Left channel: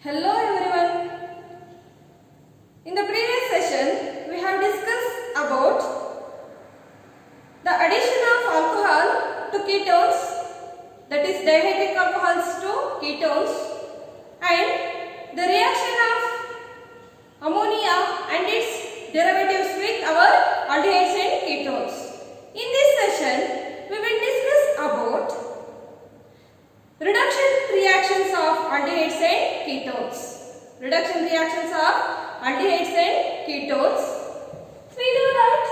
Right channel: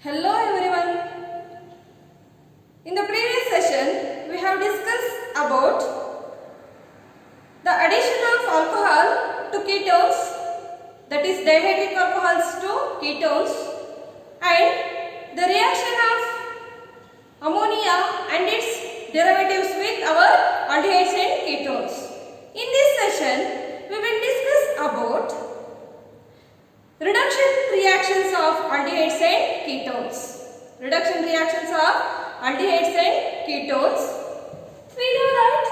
Hello everyone. In the previous session, we have discussed about the addition of alcohol to ketones, that is dihydric alcohols to ketones, and the reaction of ammonia and its derivatives with our aldehydes and ketones. In this session, we will discuss about reduction reactions of aldehydes and ketones. Reduction reactions of aldehydes and ketones. We know that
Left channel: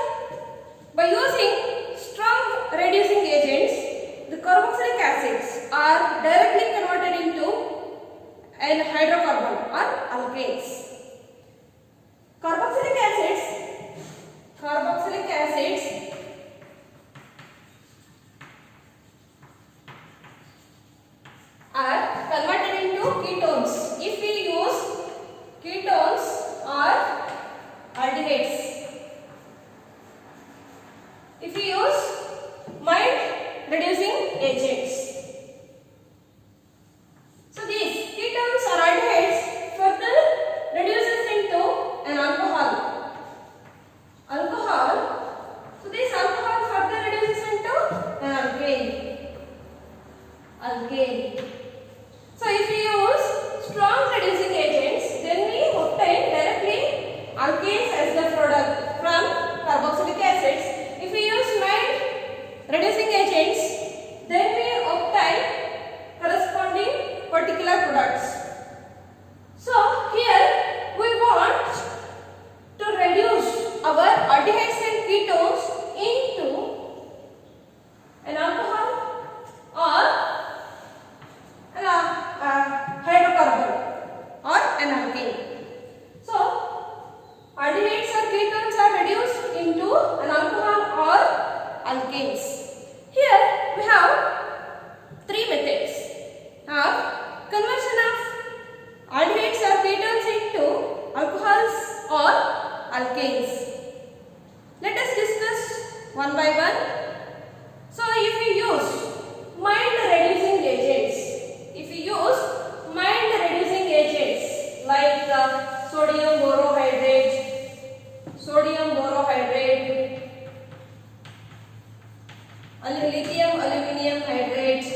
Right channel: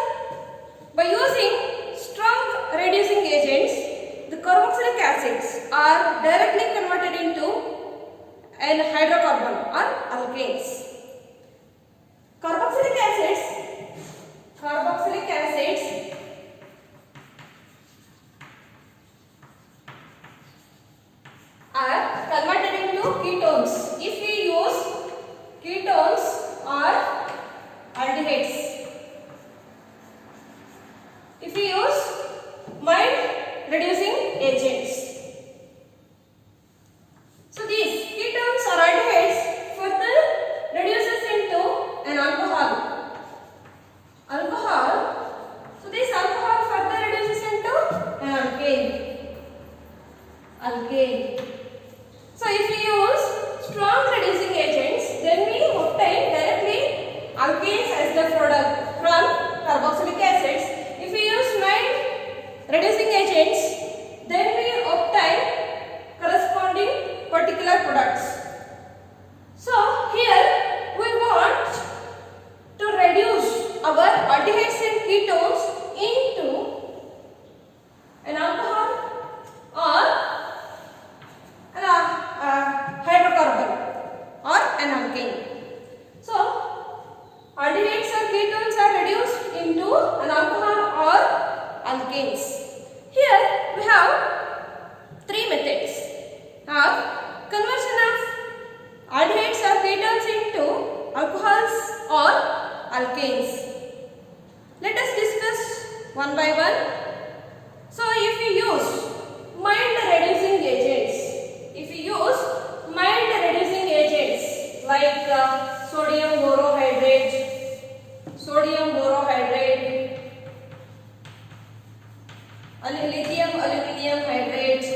by using strong reducing agents, the carboxylic acids are directly converted into an hydrocarbon or alkanes. Carboxylic acids are converted into ketones if we use ketones or aldehydes. If we use mild reducing agents. So these ketones or aldehydes further reduces into an alcohol. So this alcohol further reduces into an alkane. So if we use strong reducing agents, then we obtain directly alkanes as the product from carboxylic acids. If we use mild reducing agents, then we obtain corresponding particular products. So here we want to reduce our aldehydes and ketones into an alcohol or hydrocarbon or an alkane. So aldehydes or ketones are reduced into an alcohol or alkanes. Here we have three methods of conversion of aldehydes or ketones into alcohols or alkanes. Let us discuss one by one. So if we use mild reducing agents, like sodium borohydrate, lithium aluminium hydrate,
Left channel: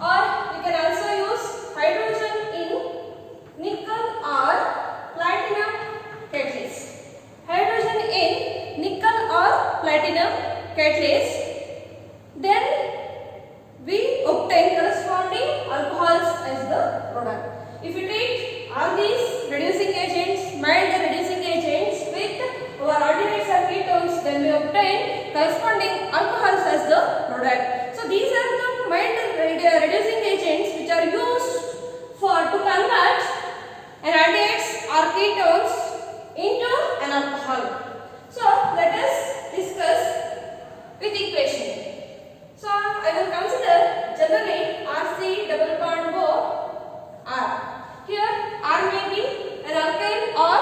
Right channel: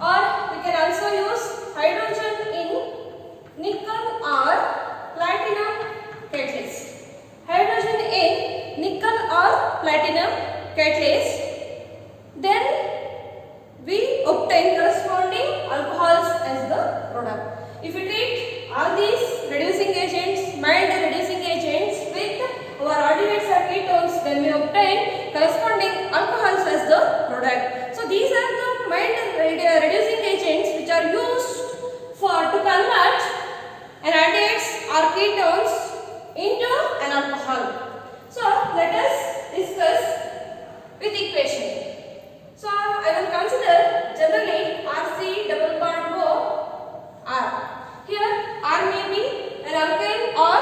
or we can also use hydrogen in nickel or platinum catalyst. Then we obtain corresponding alcohols as the product. If we take all these reducing agents, mild reducing agents with our aldehydes or ketones, then we obtain corresponding alcohols as the product. So these are the mild reducing agents which are used to convert an aldehydes or ketones into an alcohol. So let us discuss with equation. So I will consider generally RC double bond O R. Here R may be an alkyl or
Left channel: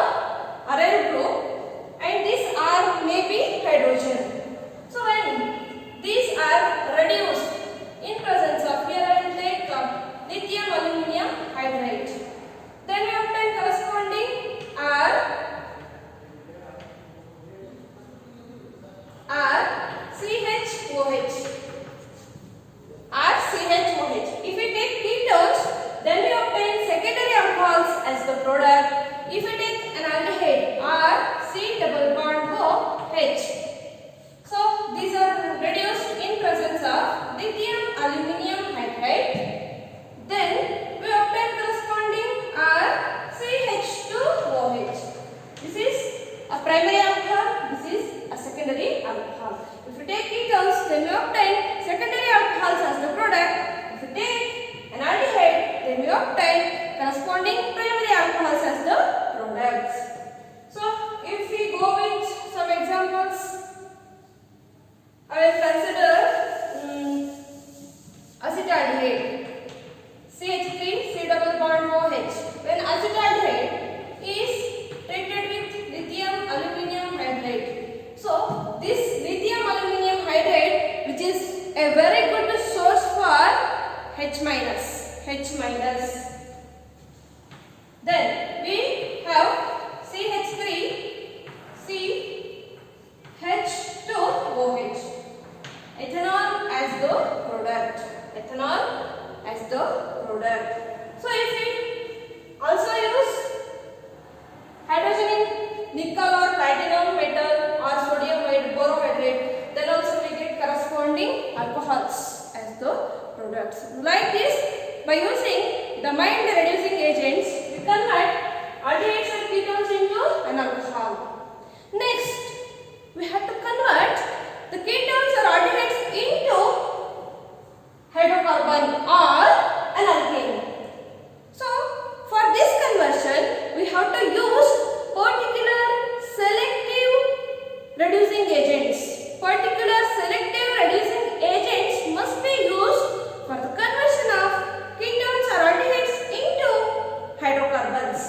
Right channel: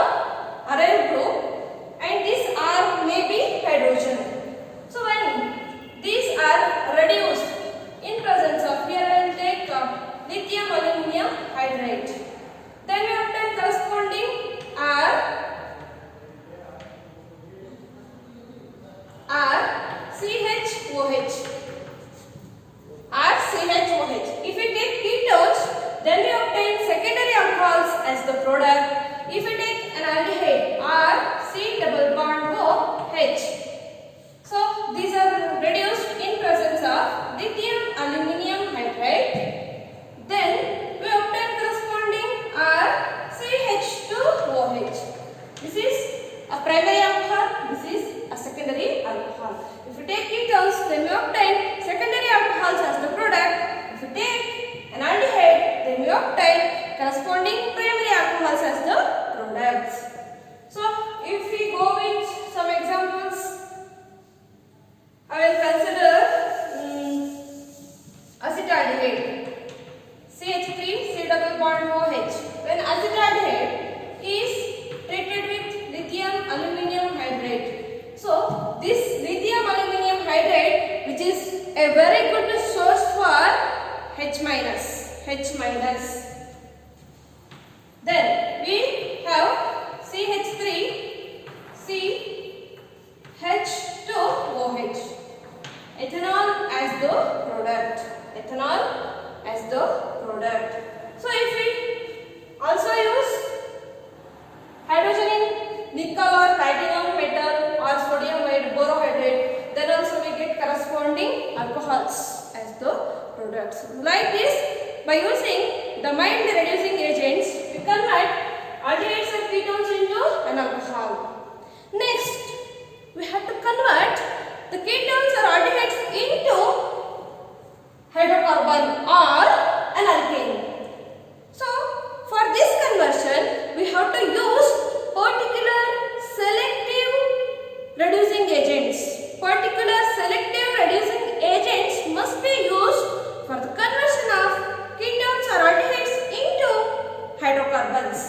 aryl group and this R may be hydrogen. So when these are reduced in presence of, here I will take lithium aluminium hydride, then we obtain corresponding RCHOH. If we take ketones, then we obtain secondary alcohols as the product. If we take an aldehyde, RC double bond OH. So these are reduced in presence of lithium aluminium hydride. Then we obtain corresponding RCH2OH. This is a primary alcohol, this is a secondary alcohol. If we take ketones, then we obtain secondary alcohols as the product. If we take an aldehyde, then we obtain corresponding primary alcohols as the products. So if we go with some examples, H minus. Then we have CH3, CH2OH. Ethanol as the product. So if we also use hydrogen in nickel or platinum metal or sodium borohydrate, then also we get corresponding alcohols as the products. Like this, by using the mild reducing agents, we convert aldehydes or ketones into an alcohol. Next, we have to convert the ketones or aldehydes into hydrocarbon or an alkane. So, for this conversion, we have to use particular selective reducing agents. Particular selective reducing agents must be used for the conversion of ketones or aldehydes into hydrocarbons.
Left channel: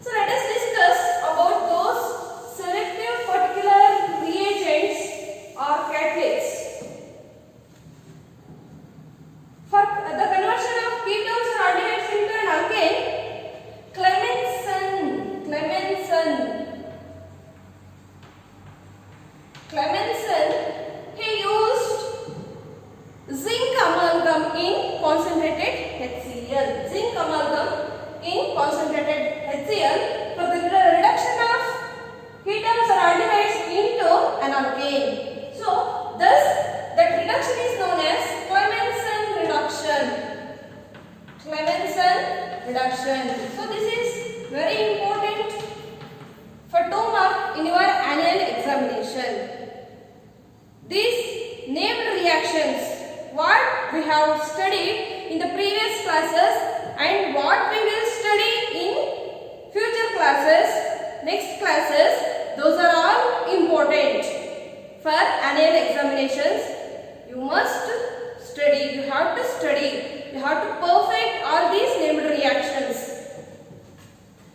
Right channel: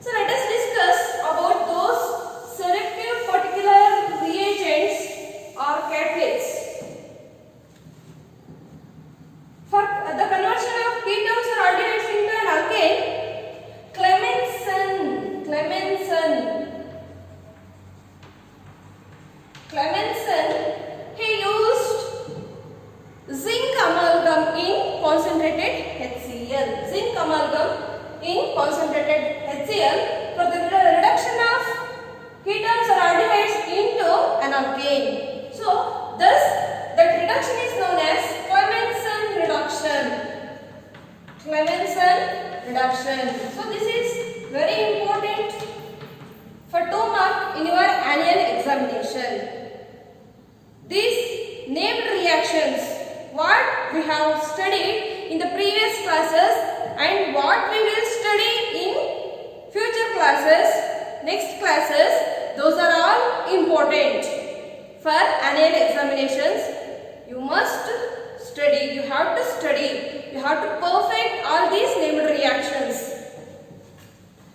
So, let us discuss about those selective particular reagents or catalysts. For the conversion of ketones or aldehydes into an alkane, Clemmensen, he used zinc amalgam in concentrated HCl. For the reduction of ketones or aldehydes into an alkane. So, thus that reduction is known as Clemmensen reduction. So, this is very important for 2 mark in your annual examination. These named reactions, what we have studied in the previous classes and what we will study in future classes, next classes, those are all important for annual examinations. You must study, you have to perfect all these named reactions.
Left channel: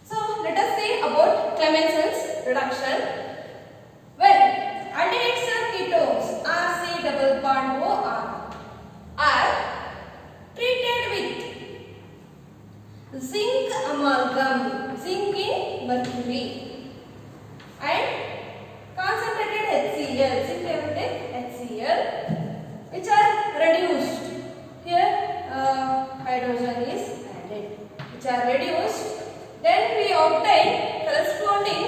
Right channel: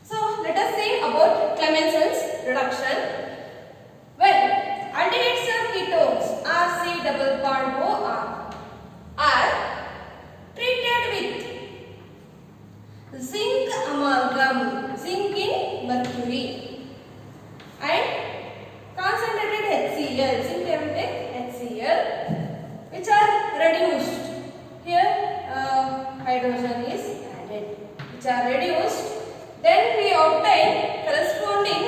So, let us say about Clemmensen's reduction. When aldehydes or ketones RC double bond OR are treated with zinc amalgam, zinc in mercury, and concentrated HCl, zinc HCl, which are reduced. Here hydrogen is added, which are reduced. Then we obtain corresponding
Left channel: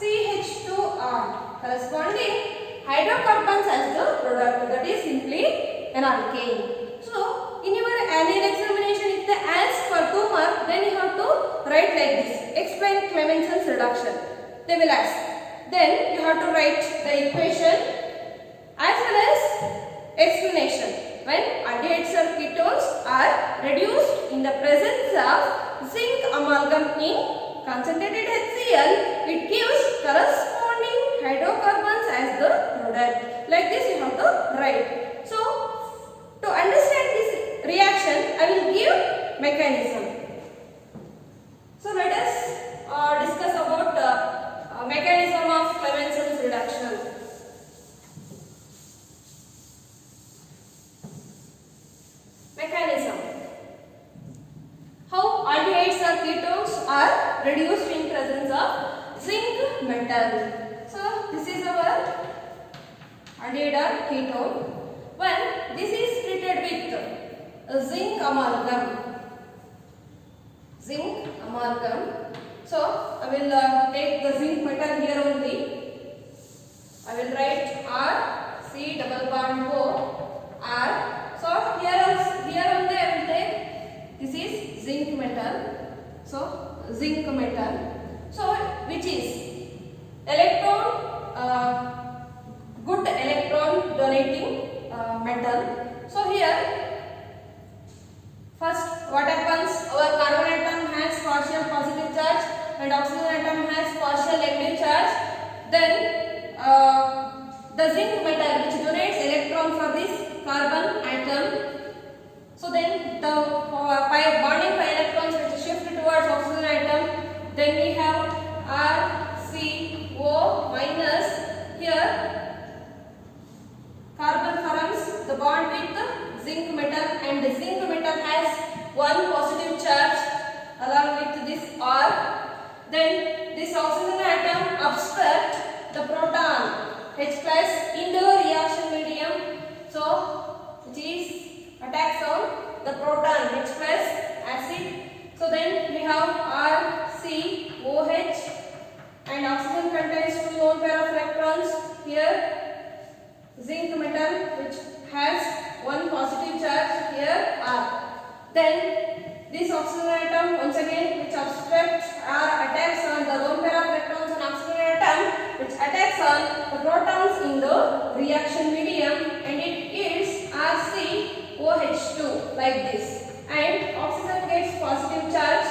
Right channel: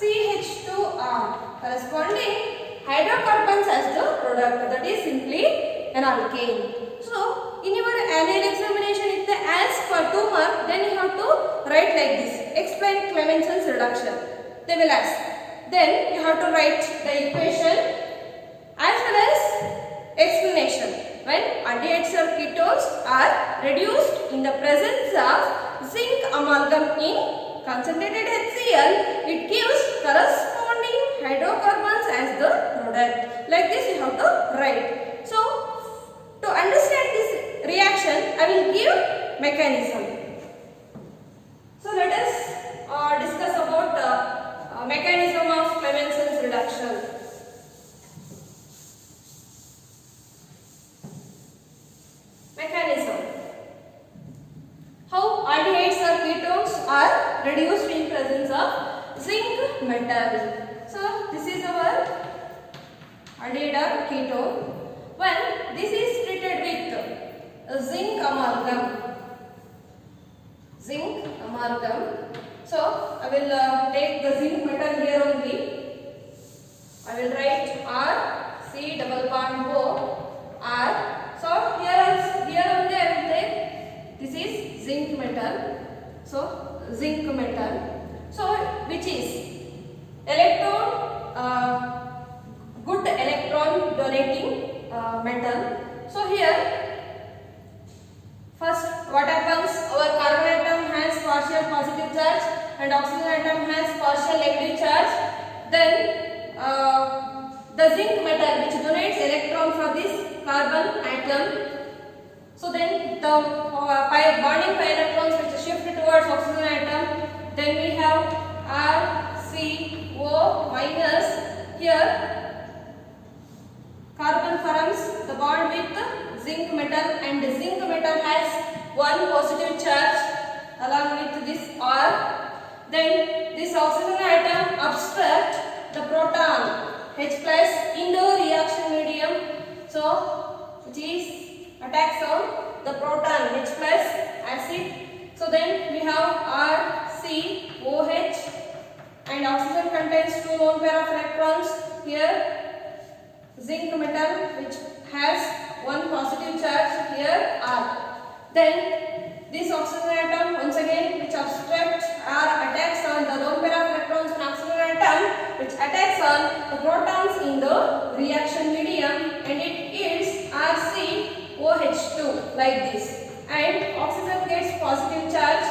CH2R, corresponding hydrocarbons as the product, that is simply an alkane. So, in your annual examination, if they ask for 2 mark, then you have to write like this: explain Clemmensen's reduction. They will ask. Then you have to write the equation as well as explanation. When aldehydes or ketones are reduced in the presence of zinc amalgam in concentrated HCl, it gives corresponding hydrocarbons as the product. Like this you have to write. So, to understand this reaction, I will give mechanism. So, let us discuss about mechanism of Clemmensen's reduction. Mechanism. How aldehydes or ketones are reduced in presence of zinc metal. So, this is our aldehyde or ketone. When this is treated with zinc amalgam. So, I will take the zinc metal here only. I will write R, C double bond O, R. So, here only I will take, this is zinc metal. So, which is good electron donating metal. So, here first what happens, our carbon atom has partial positive charge and oxygen atom has partial negative charge. Then the zinc metal which donates electron for this carbon atom. So, then the bonding pi electrons which shift towards oxygen atom. Then we have RCO minus. Here carbon forms the bond with zinc metal, and the zinc metal has one positive charge along with this R. Then this oxygen atom obstruct the proton H plus in the reaction medium. So these attacks on the proton H plus acid. So then we have RCOH, and oxygen contains two lone pair of electrons. Here zinc metal which has one positive charge, here R. Then this oxygen atom once again which obstructs or attacks on the lone pair of electrons on oxygen atom which attacks on the protons in the reaction medium, and it is RCOH2 like this. And oxygen gets positive charge.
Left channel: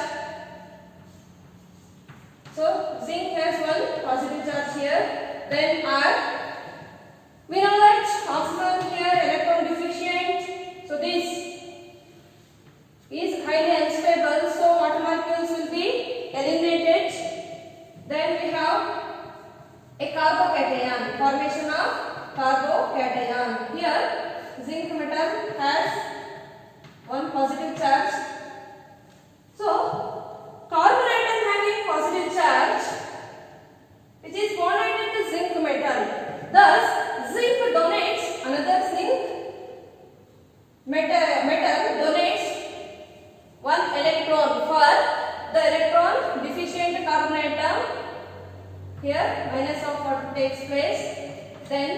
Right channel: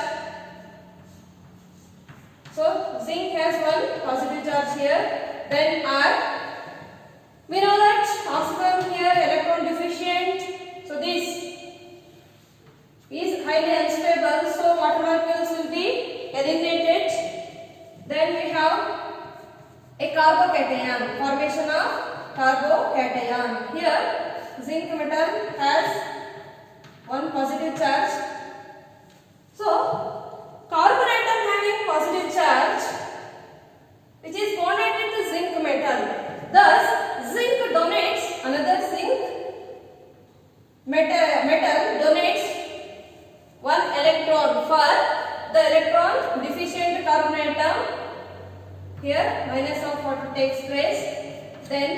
So zinc has one positive charge here. Then R. We know that oxygen here electron deficient. So this is highly unstable. So water molecules will be eliminated. Then we have a carbocation, formation of carbocation. Here zinc metal has one positive charge. So carbon atom having positive charge which is bonded with the zinc metal. Thus zinc donates another zinc metal donates one electron for the electron deficient carbon atom. Here minus of what takes place. Then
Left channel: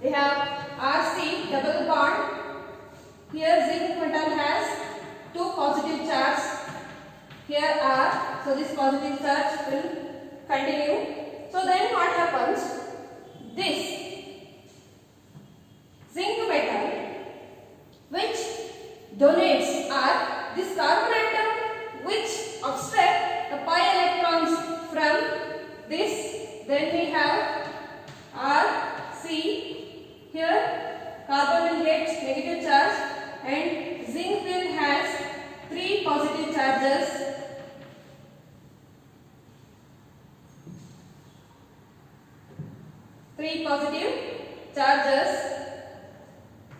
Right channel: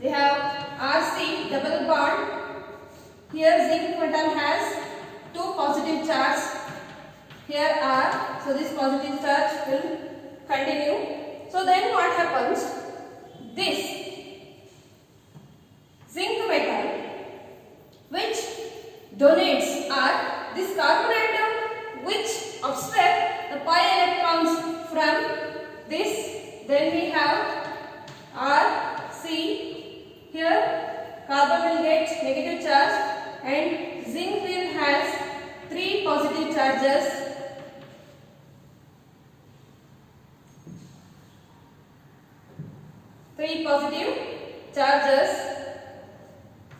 we have RC double bond. Here zinc metal has two positive charge. Here R. So this positive charge will continue. So then what happens? This zinc metal which donates R, this carbon atom which obstruct the pi electrons from this. Then we have R, C. Here carbon will get negative charge and zinc will has three positive charges. Three positive charges.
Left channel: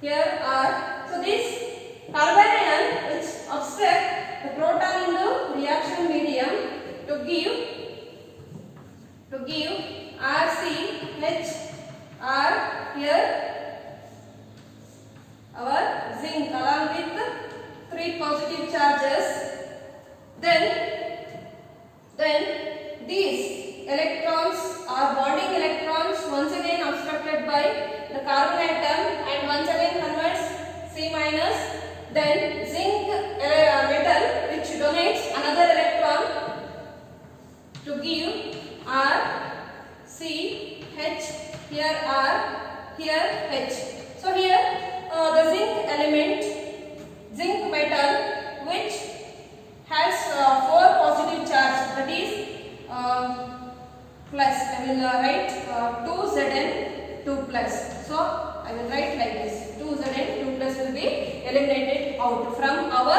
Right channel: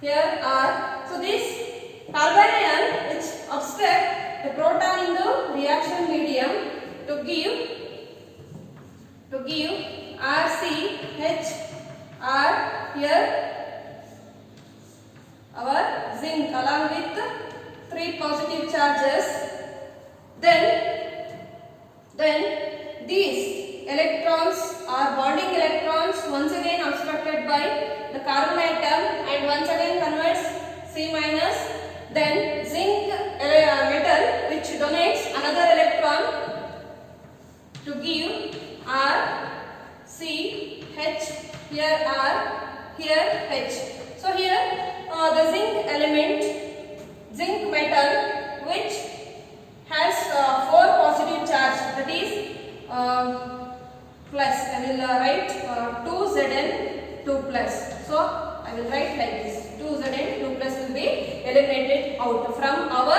Here are, so this carbon ion which obstruct the proton in the reaction medium to give RCH R. Here our zinc along with three positive charges. Then these electrons are bonding electrons once again obstructed by the carbon atom and once again converts C minus. Then zinc metal which donates another electron to give R, C, H. Here R, here H. So here the zinc element, zinc metal which has four positive charge, that is plus, I will write 2Zn 2 plus. So I will write like this, 2Zn 2 plus will be eliminated out from our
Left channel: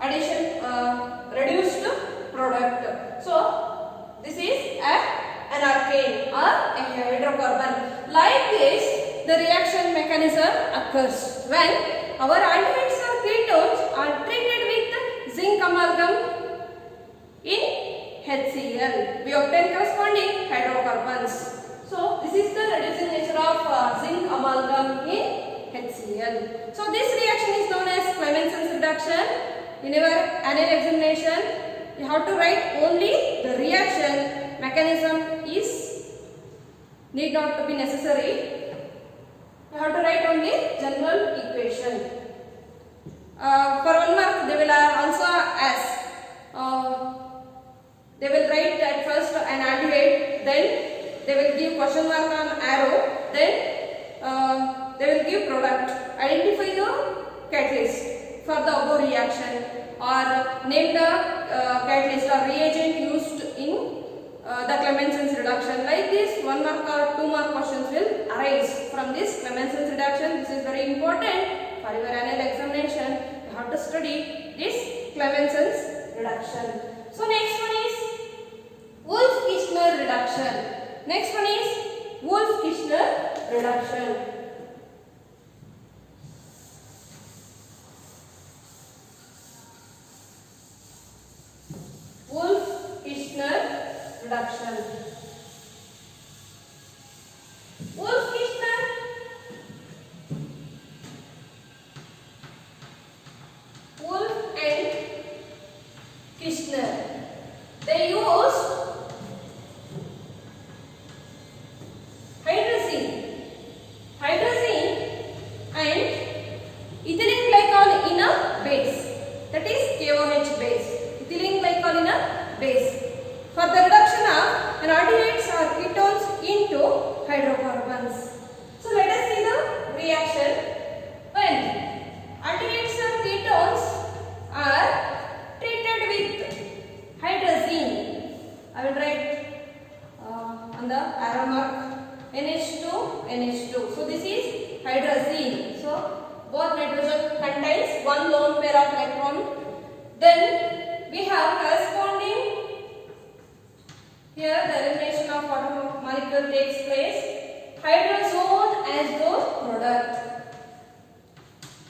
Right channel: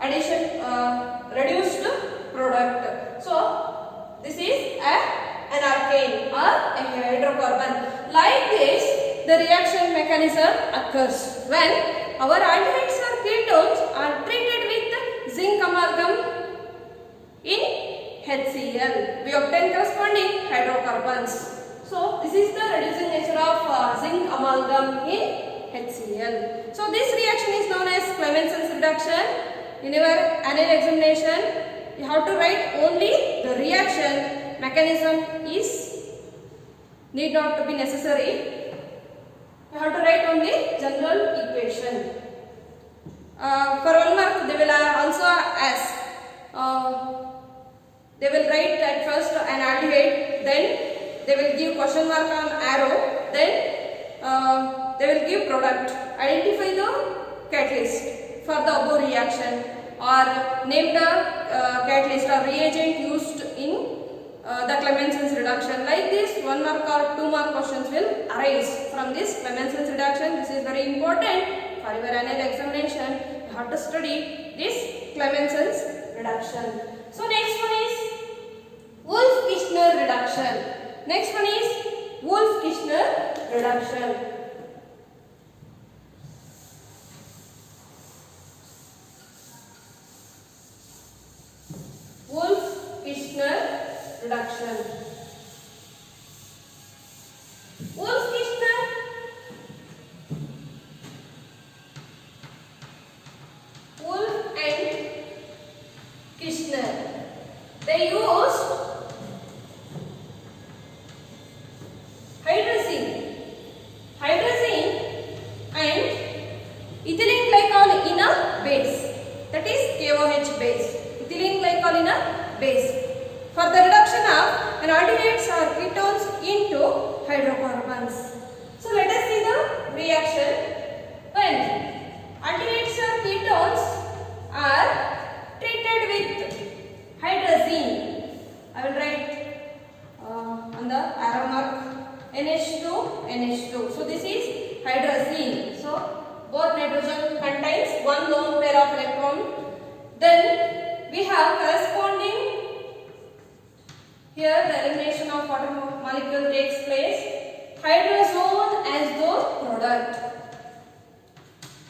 addition reduced product. So this is an alkane or a hydrocarbon. Like this the reaction mechanism occurs when our aldehydes or ketones are treated with zinc amalgam in HCl. We obtain corresponding hydrocarbons. So this is the reducing nature of zinc amalgam in HCl. So this reaction is known as Clemenson's reduction. In your annual examination you have to write only the reaction. Mechanism is need not to be necessary. You have to write only general equation. For 1 mark they will also ask. They will write at first an aldehyde, then they will give question mark on arrow, then they will give product. Identify the catalyst for the above reaction or name the catalyst or reagent used in the Clemenson's reduction. Like this 1 mark or 2 mark questions will arise from this Clemenson's reduction. This is very important for your annual examination. You have to study this Clemenson's reduction. So next one is Wolff-Kishner reduction. Next one is Wolff-Kishner reduction. Wolff-Kishner, Wolff and Kishner, they used hydrazine and ethylene glycol in a base, that is KOH base, ethylene glycol in a base, for the reduction of aldehydes or ketones into hydrocarbons. So let us see the reaction. When aldehydes or ketones are treated with hydrazine, I will write on the arrow mark NH2, NH2. So this is hydrazine. So both nitrogen contains one lone pair of electron. Then we have corresponding, here the elimination of water molecule takes place, hydrazone as the product.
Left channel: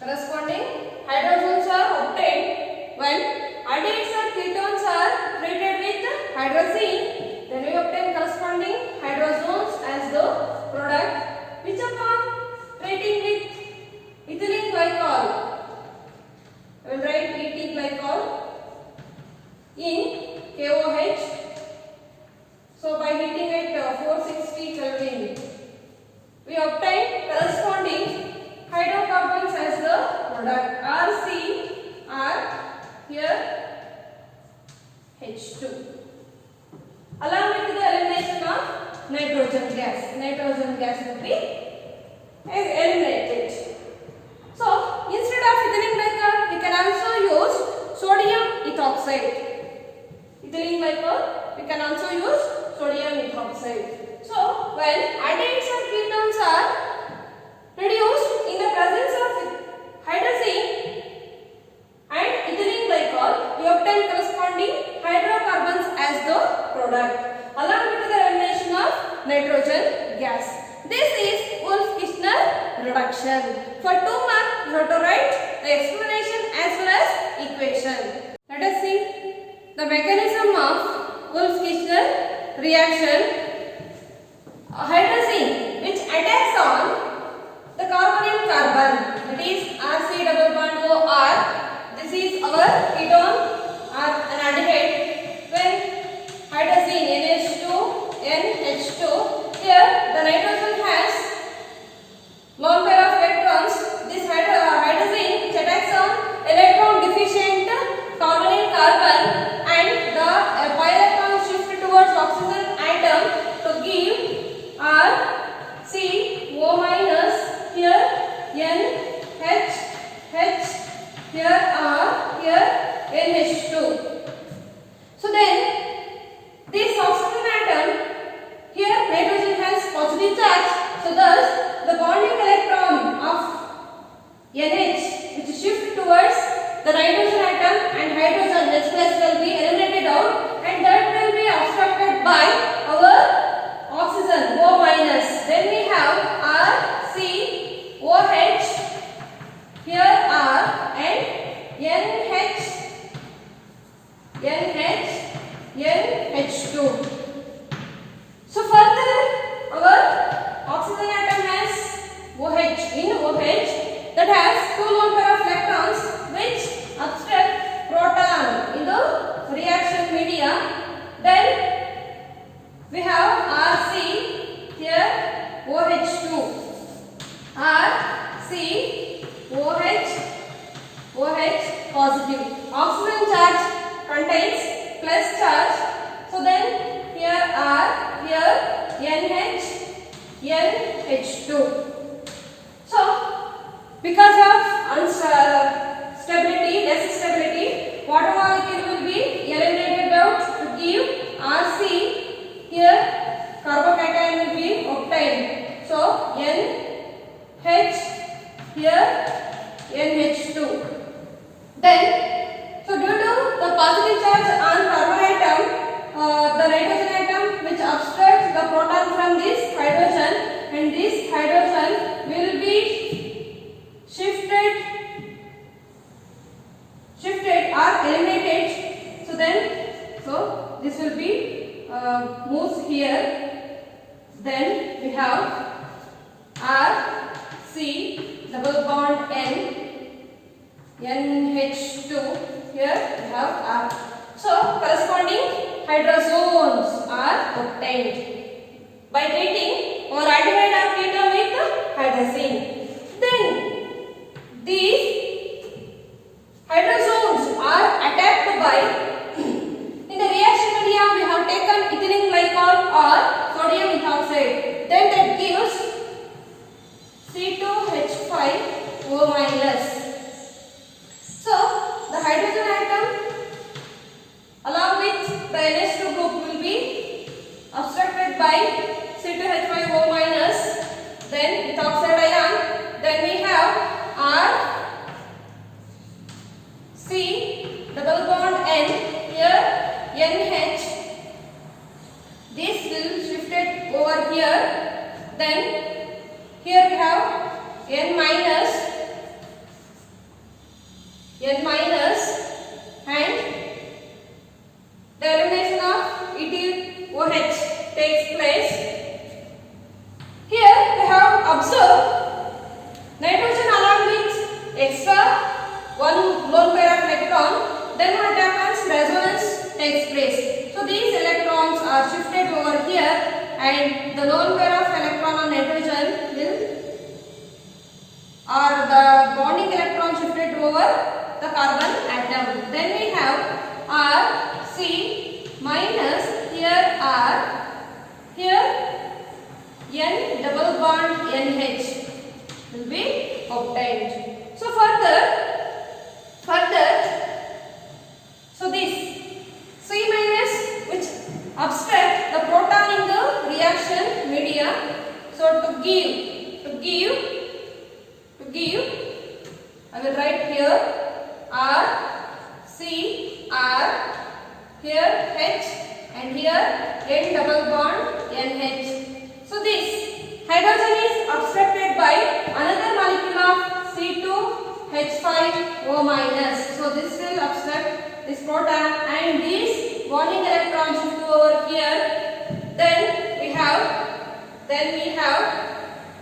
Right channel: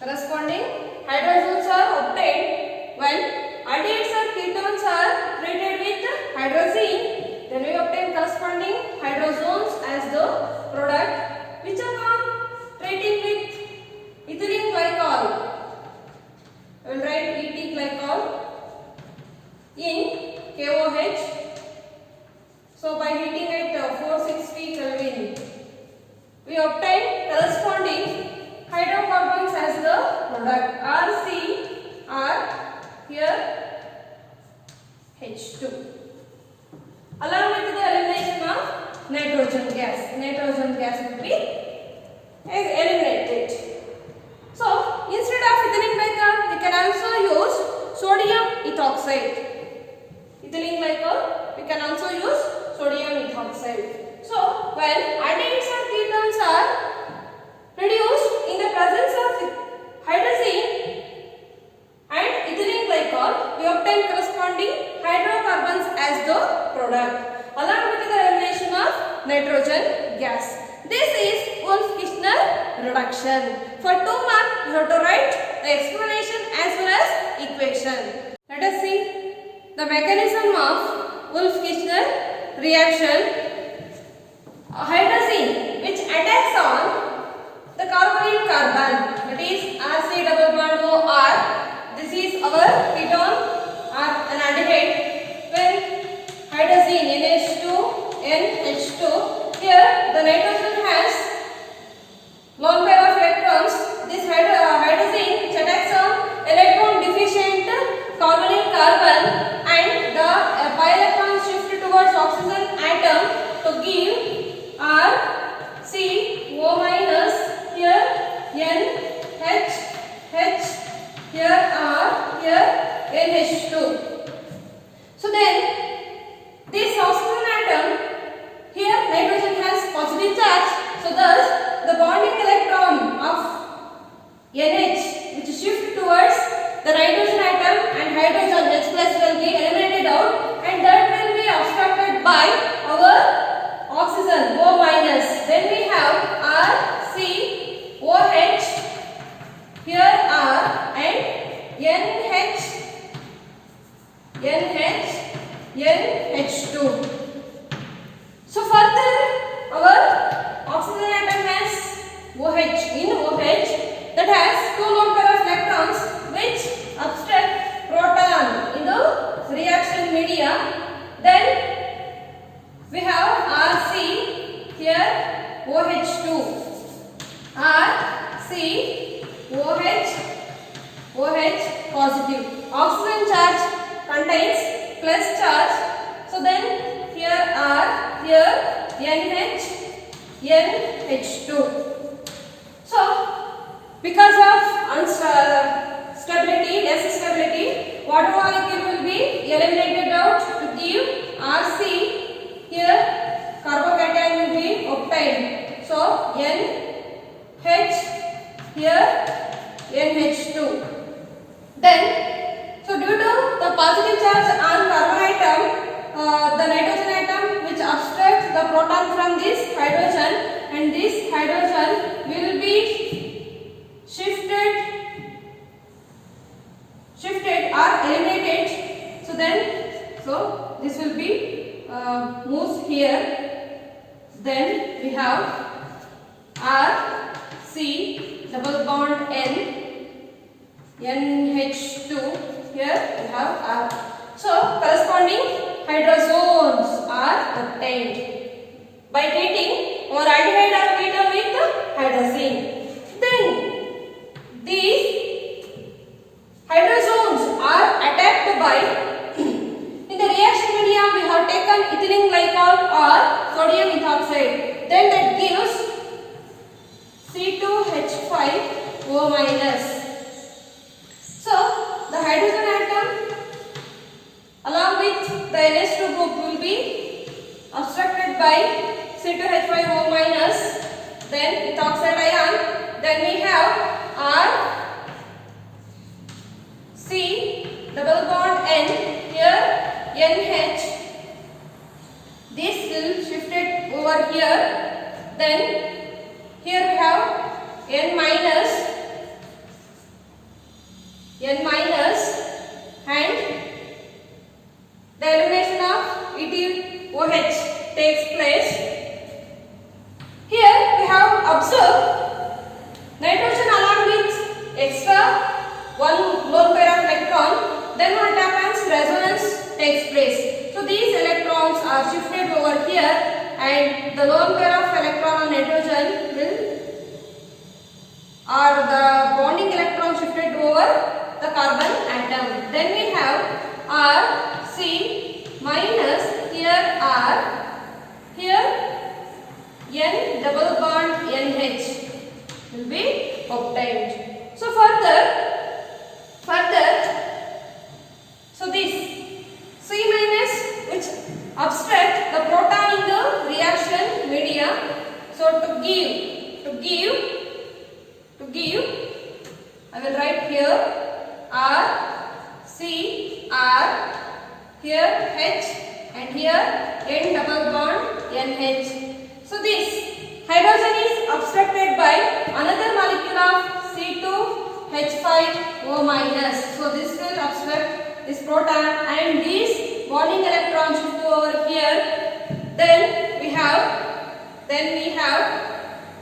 Corresponding hydrogens are obtained when aldehydes or ketones are treated with hydrazine. Then we obtain corresponding hydrozones as the product, which upon treating with ethylene glycol, I will write ET glycol in KOH. So by heating at 460 Kelvin, we obtain corresponding hydrocarbons as the product. RC are here H2. Along with the elimination of nitrogen gas will be eliminated. So instead of ethylene glycol, we can also use sodium ethoxide. Ethylene glycol, we can also use sodium ethoxide. So when aldehydes or ketones are reduced in the presence of hydrazine and ethylene glycol, we obtain corresponding hydrocarbons as the product, along with the elimination of nitrogen gas. This is Wolff-Kishner reduction. For 2 marks, you have to write the explanation as well as equation. Let us see the mechanism of Wolff-Kishner reaction. Hydrazine, which attacks on the carbonyl carbon, that is RC double bond OR. This is our ketone or an aldehyde. When hydrazine NH2, NH2, here the nitrogen has lone pair of electrons. This hydrazine which attacks on electron deficient carbonyl carbon, and the pi electrons shift towards oxygen atom to give R C O minus, here N H H, here R, here NH2. So then this oxygen atom, here nitrogen has positive charge, so thus the bonding electron of NH which shift towards the nitrogen atom and hydrogen H plus will be eliminated out, and that will be obstructed by our oxygen O minus. Then we have R C OH, here R, and NH NH2. So further our oxygen atom has OH, in OH that has 2 lone pair of electrons which obstruct proton in the reaction media. Then we have RC, here OH2, RC OH, OH positive. Oxygen charge contains plus charge. So then here R, here NH, NH2. So because of stability, less stability, water molecule will be eliminated out to give RC. Here carbocation will be obtained. So NH, here NH2. Then, so due to the positive charge on carbon atom, the nitrogen atom which obstructs the proton from this hydrogen, and this hydrogen will be shifted or eliminated. So then, this will be moves here. Then we have R C double bond N NH2. Here we have R. So corresponding hydrozones are obtained by treating our aldehyde of ketone with hydrazine. Then these hydrozones are attacked by in the reaction media we have taken ethylene glycol or sodium ethoxide. Then that gives C2H5O minus. So the hydrogen atom along with the NH2 group will be obstructed by C2H5O minus, then ethoxide ion. Then we have R C double bond N, here NH. This will shift it over here. Then here we have N minus and the elimination of ethyl OH takes place. Here we have observed nitrogen along with extra one lone pair of electron. Then what happens? Resonance takes place. So these electrons are shifted over here and the lone pair of electron on nitrogen will, or the bonding electron shifted over the carbon atom. Then we have R C minus, here R, here N double bond NH will be obtained. So further, so this C minus which obstruct the proton in the reaction media. So to give, I will write here R C R, here H and here N double bond NH. So this hydrogen is obstructed by another molecule of C2H5O minus. So this will obstruct this proton and this bonding electron shift over here. Then we have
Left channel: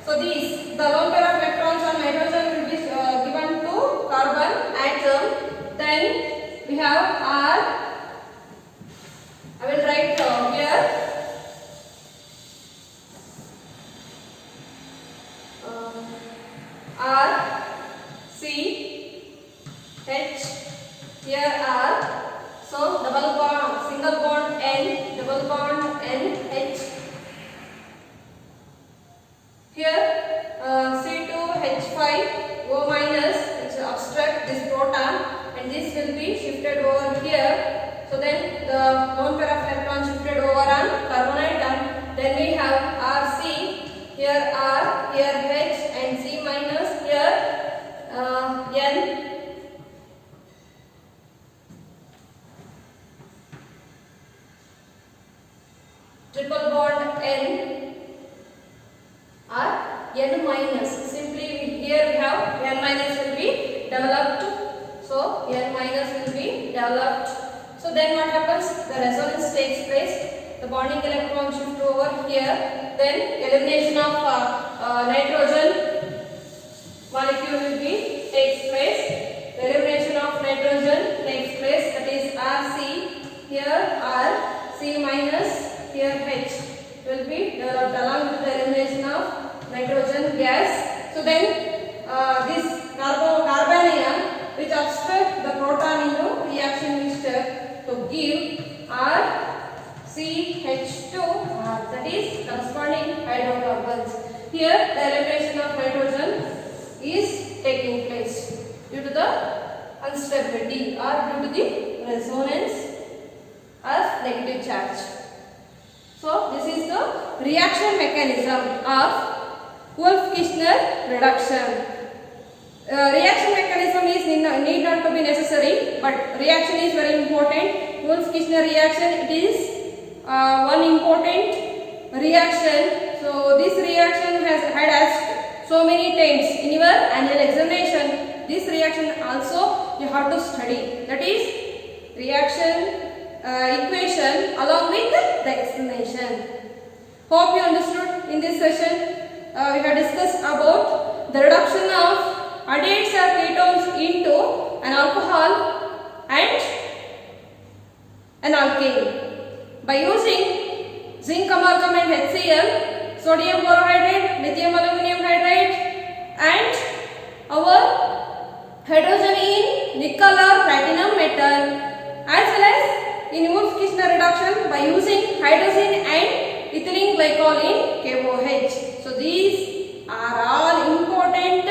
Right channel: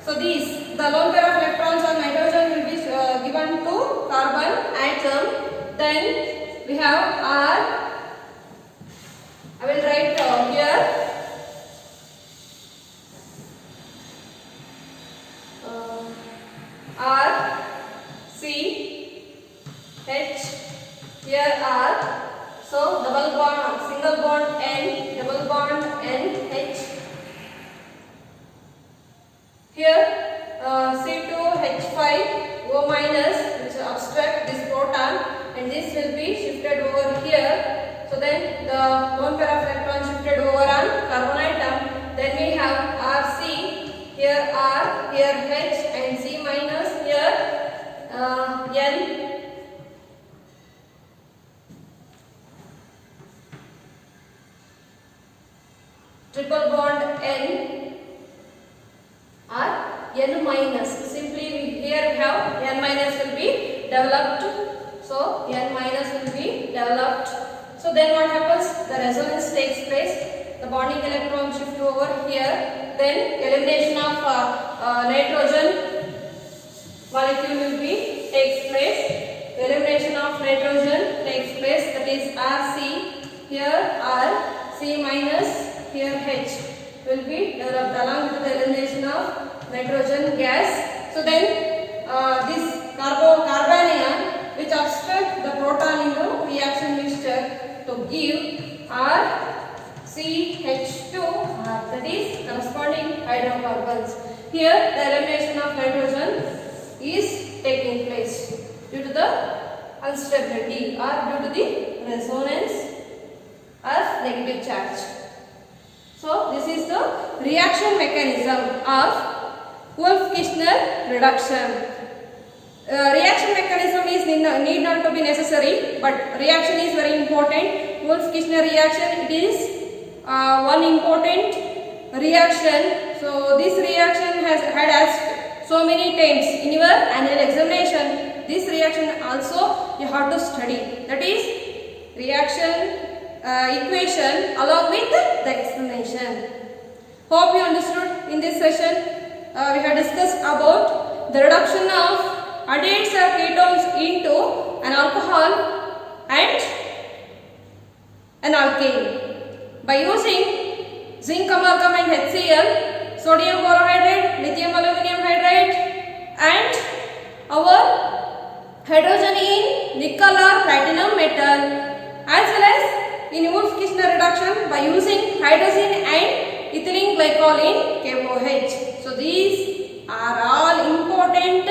so these the lone pair of electrons on nitrogen will be given to carbon atom. Then we have R. I will write here R C H, here R. So double bond, single bond N, double bond N H. Here C2H5O minus which will obstruct this proton and this will be shifted over here. So then the lone pair of electrons shifted over on carbon atom. Then we have RC, here R, here H and C minus, here N. Triple bond N or N minus. Simply here we have N minus will be developed. So N minus will be developed. So then what happens? The resonance takes place. The bonding electron shift over here. Then elimination of nitrogen molecule will be takes place. The elimination of nitrogen takes place. That is RC, here R, C minus, here H will be developed along with the elimination of nitrogen gas. So then this carbanion which obstruct the proton in the reaction mixture to give RCH2, that is corresponding hydrocarbons. Here the elimination of nitrogen is taking place due to the instability or due to the resonance of negative charge. So this is the reaction mechanism of Wolff-Kishner reduction. Reaction mechanism is need not to be necessary, but reaction is very important. Wolff-Kishner reaction, it is one important reaction. So this reaction has had asked so many times in your annual examination. This reaction also you have to study. That is reaction equation along with the explanation. Hope you understood in this session. we have discussed about the reduction of aldehys or ketones into an alcohol and an alkane by using zinc amalgam and HCl, sodium borohydride, lithium aluminum hydride, and our hydrogen in nickel or platinum metal, as well as in Wolff-Kishner reduction by using hydrazine and ethylene glycol in KOH. So these are all important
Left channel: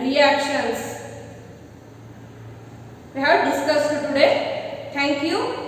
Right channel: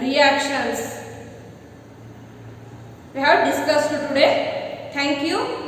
reactions we have discussed today. Thank you.